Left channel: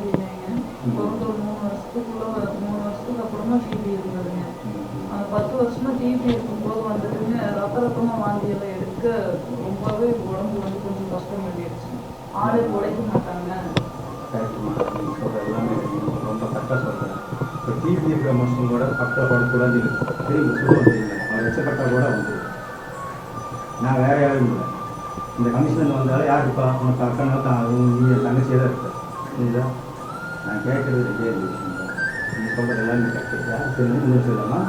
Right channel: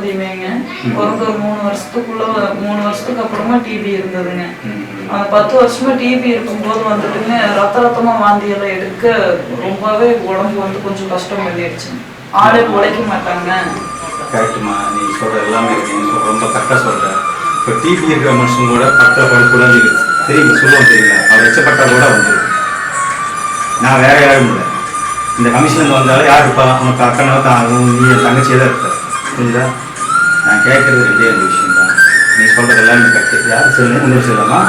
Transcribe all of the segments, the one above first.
பதிவேங்க. பிறந்த ஒரு மூணு வருஷத்துக்குள்ள மூணு வருஷத்துக்கு அப்புறமா டிபி இருந்ததுங்க. அந்த பத்து வருஷமா டிபி இருக்கும்போது வந்துட்டுங்க ரத்த ரத்தமா வாந்தி எல்லாம் எடுக்க ரொம்பவே உடம்பு வந்து கொஞ்சம் கஷ்டம் பண்ணிடுச்சு ஆளே உழைக்க மாட்டாங்க. கரெக்டுமா நீ சொல்கிற எல்லாமே இருக்கு. நீ சொல்ற ரொம்ப கரெக்டாக சொல்கிற இப்போ டிபி இருக்கிற மனுஷன் கூட பக்கத்தில் படுக்கூடாது தெரியுங்க சொல்லுவோம் தெரியுங்களா அவர் எச்சப்பட்டா கூட வந்து நான் வேற யாரும் இல்லை. இந்த கமிஷன்லேருந்து வந்தாலும் யார் இருப்பா உனக்கு அக்கனா தான் நீ தங்கச்சியே தான் இருப்ப புரியுதா நான் கேட்கறது ரெண்டே ரெண்டு விஷயம் தான். நீ சொல்கிறது எல்லாமே கரெக்டு யார் சொல்லணும் இன்னொரு சொல்லலாமா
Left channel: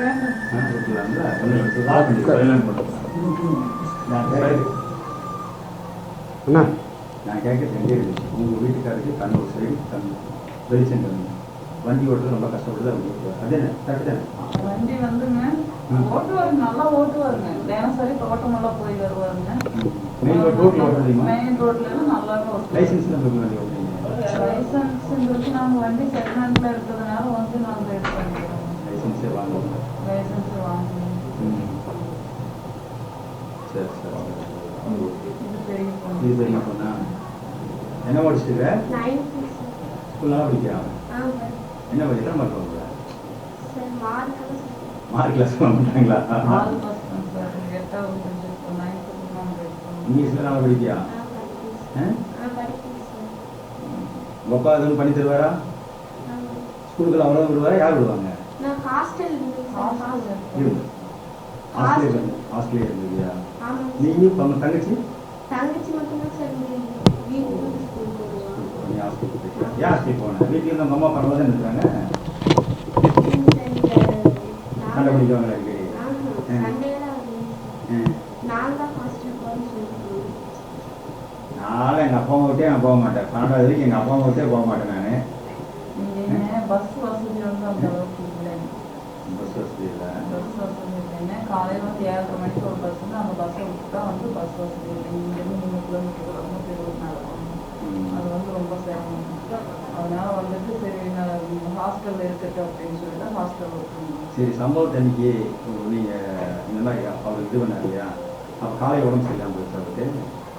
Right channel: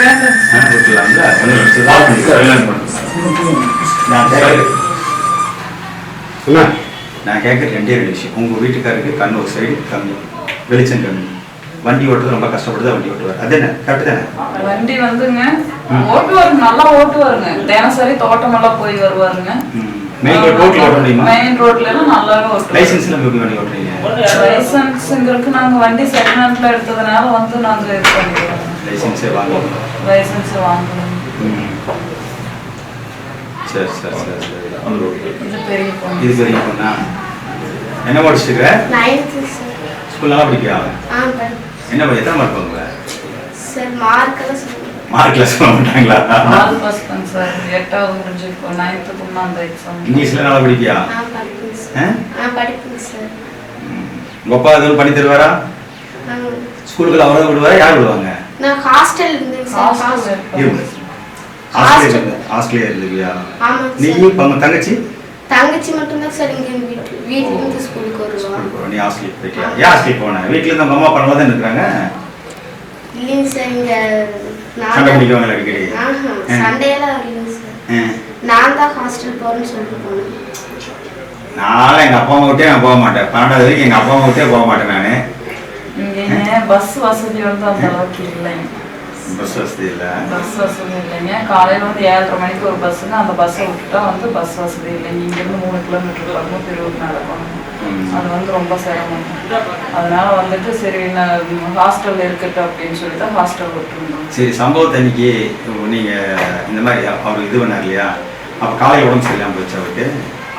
வேண்டாம் ஆ விட்டுலாம்ல ஒன்று சொல்லலாம் நான் கேட்குறது நான் கேட்குறது ரெண்டே ரெண்டு விஷயம். உங்கள் வீட்டுக்காருக்கு கண் ஒரு சைடு கம்மி வெளிச்சம் கம்மி வண்டி ஓட்டுறது ரொம்ப கஷ்டப்படுது வண்டி ஓட்டுவார். அது என்ன? கரெக்டு தானே? வண்டி வந்துங்க ஓட்டுவாருங்க. நல்லா ஓட்டுவாருங்க. தினசரி தோட்டமெல்லாம் போய் வருவாருங்க. மெயின் ரோட் ரோட்டில் ஓட்ட முடியுமா மெயின் ரோட்ல எல்லாம் நல்லாவே ஓட்டுவாரு லைசன்ஸ் எல்லாம் எப்படி வண்டி ஓட்டுறீங்க லைசன்ஸுங்கிறதுக்கு நாங்க வண்டி செகண்ட் ஹேண்ட்ல எடுத்ததுனால வந்து நாங்க இது பண்ணிக்கிறோம். லைசன்ஸே வாங்கணும் லைசன்ஸ் வாங்கணும். ம். சரி சரி சரி சரி. இது பெரிய பொண்ணு. இது பெரிய பொண்ணா? என்ன படிச்சுட்டு நைன்த்து சார் ஸ்கூல் நல்லா படிக்கியா? ஆ படி என்ன எத்தனை மார்க் வாங்குவ? சார் மார்க்கெல்லாம் சொல்லுங்கள் மார்க் கிளாஸ் வாங்க மாட்டாங்களா? ஆல் பாஸ் தான் சார் எட்டாவது முடிஞ்சு இப்போ நைன்த்துக்கு அந்த எக்ஸாம் இங்கிலீஷ்ல நல்லா படிக்கியா ஆ படிப்பேங்க ஆ? சார். உங்க அப்பா எதுவும் பண்ணி தருவாரா? ஸ்கூலுக்கு அவரை விடுவாரா? யார் விடுவாங்க? நான் ஹாஸ்டல் இருந்தேங்க சார் ஹாஸ்டல் இருந்து. இருந்து- ஆஸ்திரேலியா இருந்துவியா ஆமாங்க நீயும் உங்க தங்கச்சி? தங்கச்சி மட்டும்தான் சார் இங்கே ஸ்கூலுக்கு வருவான் ஸ்கூலுக்கு போ. நீ ஆஸ்திரேலியா போயிட்டியா? ஏன் ஆஸ்திரேலியா போன? வீட்டுல இருந்து அம்மா அப்பா தான் இருக்கிறாங்க இல்லைங்க சார் இங்கே சண்டை நான் பிடிக்குவாங்களா அடிக்கடி. சண்டையெல்லாம் இல்லைங்க சார். நான் தான் ஹாஸ்டல் போகிறேன்னு சொல்லிட்டு போனேன். நானும் எங்க அப்பா அம்மா விட்டே நான் போக மாட்டேன். பன்னெண்டாவது வரைக்கும் எங்க அப்பா அம்மா விட்டே போக மாட்டேன் நானு. இங்கே பஸ் வசதி வந்து அந்த அளவுக்கு இல்லைங்க. பஸ் வசதி இல்ல. பஸ் வசதி இல்லைங்க. காலையில வந்து ஏழரை மணிக்கு ஒரு பஸ்ஸுங்க அந்த பஸ்ஸை விட்டுட்டா வந்து பஸ் வசதி இல்லைங்க. இங்கேருந்து மூணு கிலோமீட்டர் பக்கமும் திருவூர் நடக்கணும். அது வந்து ரொம்ப சிரமம். அதனால வந்துட்டு சரி நான் ஹாஸ்டல் இருக்கட்டும் அப்படின்னு சொல்லி தான் ஹாஸ்டல் விட்டுருந்தோம் சரி சம்பவத்தை அன்னைக்கு நீங்க இந்த மாதிரி அவர் இது பண்ணார் இல்லையா? அப்ப காலையில் உடம்பு சரியில்லாம போச்சு அவருக்கு?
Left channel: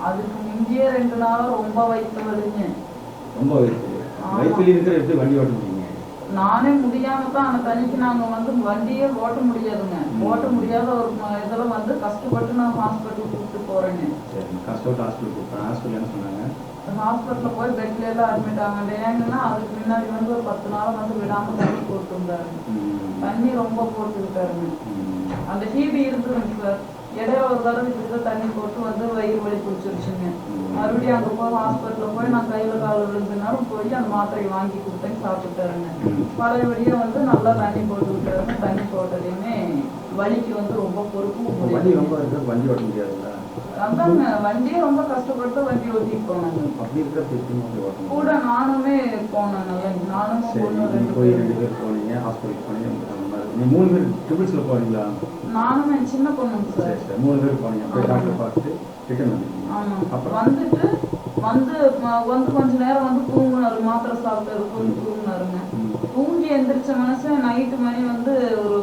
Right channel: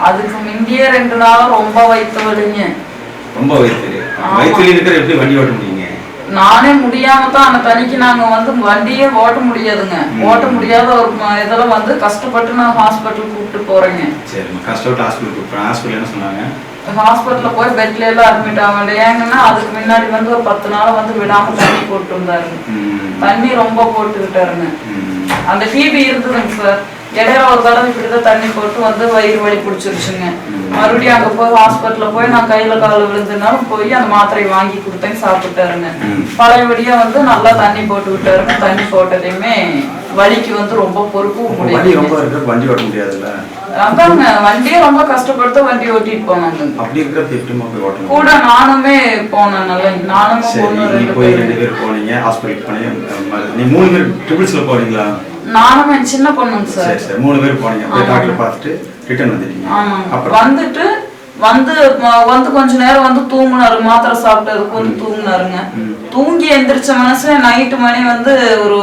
அதுக்கு முந்தைய ரெண்டு நாள் ரொம்ப வயிற்று வலிங்க. ரொம்ப வயிற்று. வயிற்றுல இருக்கிற எப்படி வண்டி ஓட்ட முடியுங்க? நானே முடியாம தான் அந்த தனிக்கு நாங்க வந்து வண்டியே ஓட்ட முடியாதுங்க. ஓட்ட முடியாத ஒரு இதெல்லாம் வந்து கஷ்டப்பட்டு நான் ஹாஸ்பிட்டல் கூப்பிட்டு போறேங்க. சரிம்மா கஷ்டப்பட்டு ஹாஸ்பிட்டல் கூப்பிட்றேன் ஹாஸ்பிட்டல் என்ன சொன்னாங்க? ஹாஸ்பிட்டல்ல போய் பெட்ல எல்லாம் அட்மிட் ஆகல ஏங்கன்னா அதுக்கு முன்னாடி வந்து ஒரு பத்து நாள் வந்து விடாம தண்ணி போட்டு இருந்தாருங்க. தண்ணி ரொம்ப போட்டுக்கிட்டாருங்க. அந்த டிபி இருந்ததுங்க சார். இடையில ஒரு தடவை இப்படிதான் தண்ணி போட்டு வந்து வயிறு வலி பிடிச்சிருச்சுங்க. மறுபடியும் அங்க போய் ஹாஸ்பிட்டல்ல போய் நான் கையில கால விழுந்ததுனாலும் போய் அந்த மாத்திரையை வாங்கி கொடுத்தேன் சாப்பிட்டாருங்க. பழையபடியா வந்து நல்லா தண்ணி போட்டு விட்டாருங்க தண்ணி போட்டதையுமே வலிக்கு வந்து ரொம்ப ரொம்ப முடியாது அதாங்க வண்டியே ரொம்ப கஷ்டப்படுத்த வண்டி ஓட்டிட்டு போனாங்க. அப்படி இருக்கிறப்ப எப்படிமா போய் கூட நானுமே போனேன் நல்லா நானும் சரி போய் ரெண்டு பேர் போனீங்க ஹாஸ்பிட்டல் போனீங்க நீ மூணு பேர் ட்ரிபிள்ஸ்ல போனீங்களா? நானும் என் சின்ன பொண்ணுங்க சார் சரி சரி மூணு பேர் போனீங்க போய். டாக்டர் பார்த்துட்டு ரிட்டர்ன் வந்துட்டீங்க. அப்புறம்? வந்துட்டு வந்து வந்து கொஞ்ச நேரம் வந்து தூங்குனாரு. மாத்திரை சாப்பிட்டதுக்கு வந்து தூங்குனாருங்க. தூங்கி எந்திரிச்ச மனுஷன் நைட்டு மணி வந்து ஒரு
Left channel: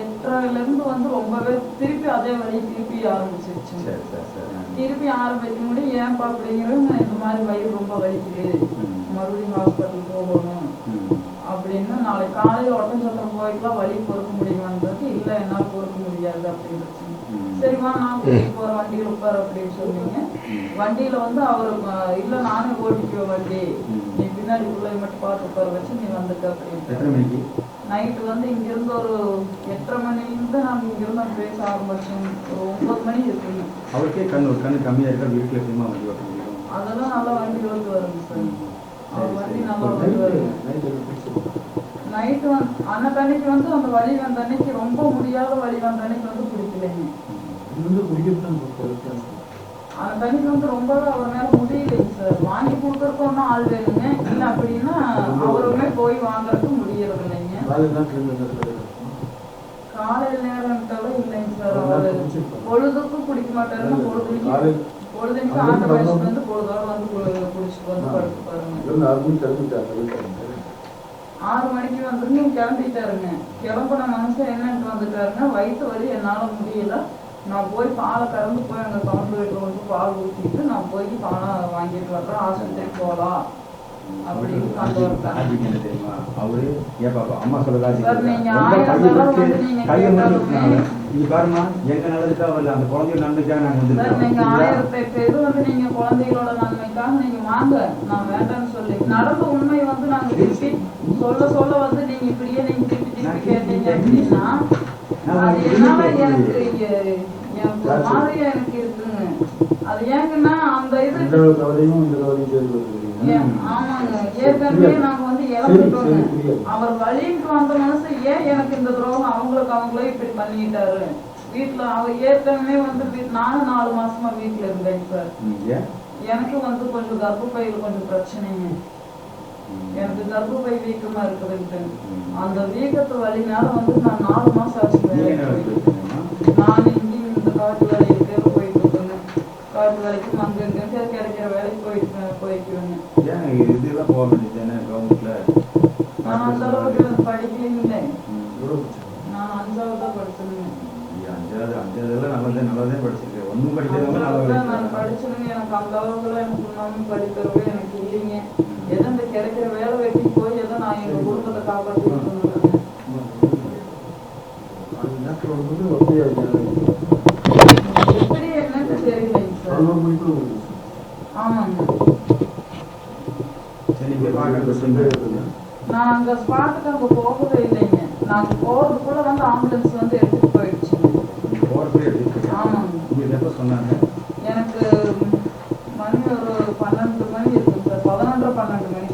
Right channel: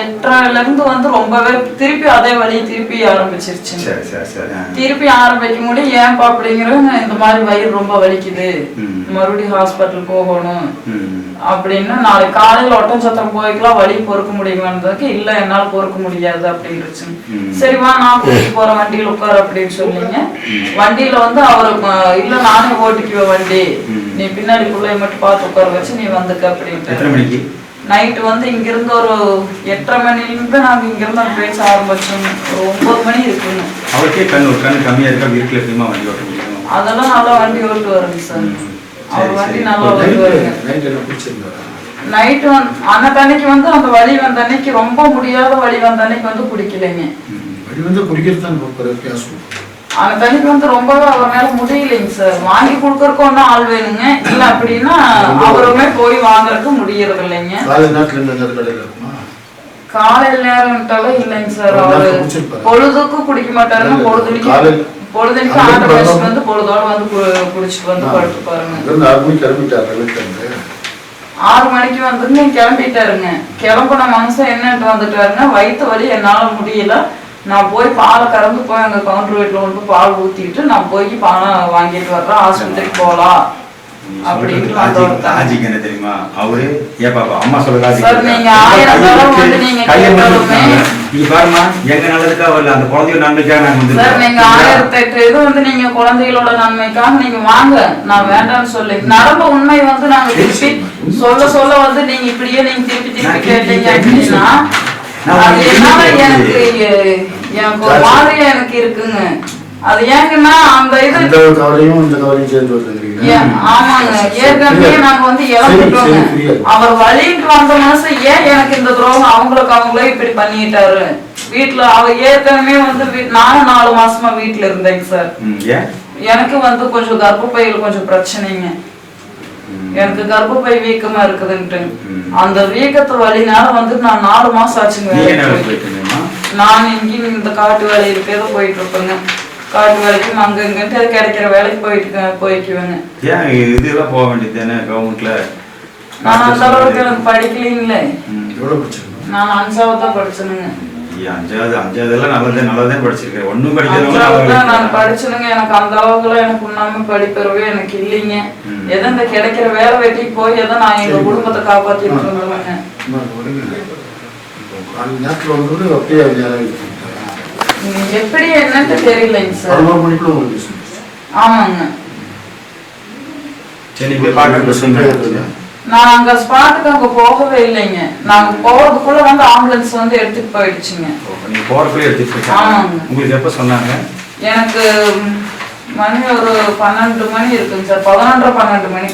எட்டரைல இருந்து வந்து ரொம்பவே திருப்பி அதே வழி திருப்பி ஆரம்பிச்சிருச்சுங்க சரி சரி சரி. ஆ. திருப்பி ஆரம்பிக்க முடியும் ஏன்பா அப்படிங்கிறவங்க இந்த மாதிரி வயிறு ரொம்ப வலிக்குது. மறுபடியும் ஹாஸ்பிட்டல் போகணும். அப்படின்னு நாளைக்கு காலையில ஒட்டஞ்சத்திரம் போய்க்கலாம். வழி பொறுக்க முடியுமான்றதுக்கு இல்ல என்னால பொறுக்க முடியாது அப்படின்னுச்சு ம். சரி வா நான் கூட்டிட்டு போறேன். வண்டியில உட்காரு அப்படின்னு சொன்னீங்க. வண்டியில வந்து அவரு அஹ், இல்ல நானே ஓட்டிக்குவேன் வண்டி. நீ பின்னாடி பிள்ளைய மட்டும் பார்த்து உட்கார வச்சு நீ வந்துக்க அப்படின்ட்டு. நைட்டு வந்து இங்கிருந்து ஒரு எட்டரை மணிலிருந்து நாங்க இங்கிருந்து அந்த பேச ஆரம்பிச்சோம். ஒரு ஒன்பது மணி இருக்குங்க அவருக்கே கண் ஒரு கண் கம்மியா இருக்கா? வீட்டில் எப்படிமா வண்டி ஓட்ட முடியும்? அதெல்லாம் நல்லா வண்டி ஓட்டு வருங்க சார். அவர் வண்டி. நல்லா ஓட்டு வருங்க நைட் நைட்டு வந்து அன்னைக்கு அன்னைக்கு வந்து அந்த வலி வந்த அன்னைக்கு ரொம்ப முடியாத வலி வந்த அன்னைக்கு வந்து பிடிக்கலைங்க. ம். வழி வந்து குடிக்கிறது தான் அந்த அன்னைக்கு வந்து ரொம்பவே அவரால முடியலைங்க சார். வாங்கி கொடுக்கறதுக்கு ஒன்றும் ஆள் வேணுங்க. இல்ல அப்படின்னா அவருமே போய் வாங்குறதுக்கு முடியறது இல்லைங்க காலையில நேரம்ட்டாலும் இல்லைங்க சார். அவரு. பொழுதுக்கும் குடிக்க ஆண்டு வயசு வரணும். வந்து பொழுதோட வந்து குடிச்சிட்டு வந்து. படுத்து பாருங்க. ஆறு மணிக்கு வந்துங்க கிளம்பிட்டாருங்க. கிளம்புன மனுஷன் என்னன்ட்டு வந்துட்டாருங்க. வயிற்று வலி என்னால முடியல. நான் போய் பாலை கறந்து போய் அங்க கவுண்டர் வீட்டுல கொண்டு பால் ஊத்திட்டு நான் போய் பாலை வாங்கிட்டு வர்றேன் ஆஸ்பத்திரிக்கு போகலாம். தெரியுமா? அவரு பாப்பா அம்மா. நீ பாருமா எங்க நல்லதுக்கா வரல? அந்த குழந்தைய நன்மைக்காக நாங்க வந்து சார் நீங்க ஆயிரத்தி எட்டு இது வந்து நீங்க குழந்தைகளோட நன்மைக்காக நீங்க வாங்க. நான் வேண்டாம்னு சொல்லி நடந்த உண்மை வந்து நாங்க திருப்பி சொல்ல சொல்ல வந்து நீங்க இப்படியே நீங்க திருப்பி திருப்பி கேட்டீங்க அப்படின்னா எனக்கு இருக்குங்க அது ஏங்கன்னா அந்த இது அந்த கவலையும் இந்த கவலையும் சேர்ந்து வருதுங்கிறீங்க ஏன், ஆமாங்க. ஏற்கனவே நாங்க வந்து புரியுது. அவர் வழிட்டு வந்த மனசு ஏன் எனக்கு இந்த துரோகம்? அவங்களுக்கு அவங்களே இப்படி பண்ணிட்டாரு. வீட்டுல அவ ஏற்கனவே வந்து நானும் நாலு மாசமா வீட்டுல இருந்தேங்க சார். எனக்கு வந்து கொஞ்சம் கர்ப்பப்பையில் கொஞ்சம் பிரச்சனைங்க. எனக்கு கர்ப்பப்பை வீக்கமா இருக்குதுன்ட்டு. அந்த வீக்கத்து வழினால வந்து நான் நாலு மாசம் ஆச்சுங்க? நான் இங்கேயும் இந்த காட்டு வேலைக்கு ஏதோ போயிட்டு இருப்பேங்க காட்டு வேலைக்கு அங்க இங்கிட்டு கிடைக்கிற வேலைக்கு போயிட்டு போய்க்குவேங்க. ஏன் இதெல்லாம் போக வேண்டியது கவர்மெண்ட்ல நான் அந்த அளவுக்கு எனக்கு படிக்கலீங்களே. நான் அஞ்சாவது தான் படிச்சேனுங்க. அஞ்சாவது அஞ்சாவது எல்லாம் நல்லதே நல்லதே படிச்சிருக்கேன் அஞ்சாவது தான் நான் படிச்சேனுங்க. எனக்கு அந்த அளவுக்குலாம் எனக்கு உண்ணாம படிப்பெறவே எனக்கு இல்லைங்க. எதோ இந்த கிடைக்கிற வேலை வெட்டிக்கு போய் எதோ நான் எங்க குடும்பத்தை காப்பாத்திட்டு நீங்க எப்படி என்னன்னு தெரியலைங்க சார். ஆமாங்க. நான் அங்க ஸ்பாட்டுக்கு அங்க போகவே இல்லைங்க. நாங்க போறதுக்குள்ள வந்து ஆம்புலன்ஸ் வந்து எடுத்துட்டு போயிடுச்சுங்க. ஆமாங்க. உங்களுக்கு எப்ப சொன்னாங்க? எனக்கு மணி ஒரு பன்னெண்டு மணி இருக்குங்க சார். பதினொன்றரை பன்னெண்டு மணி.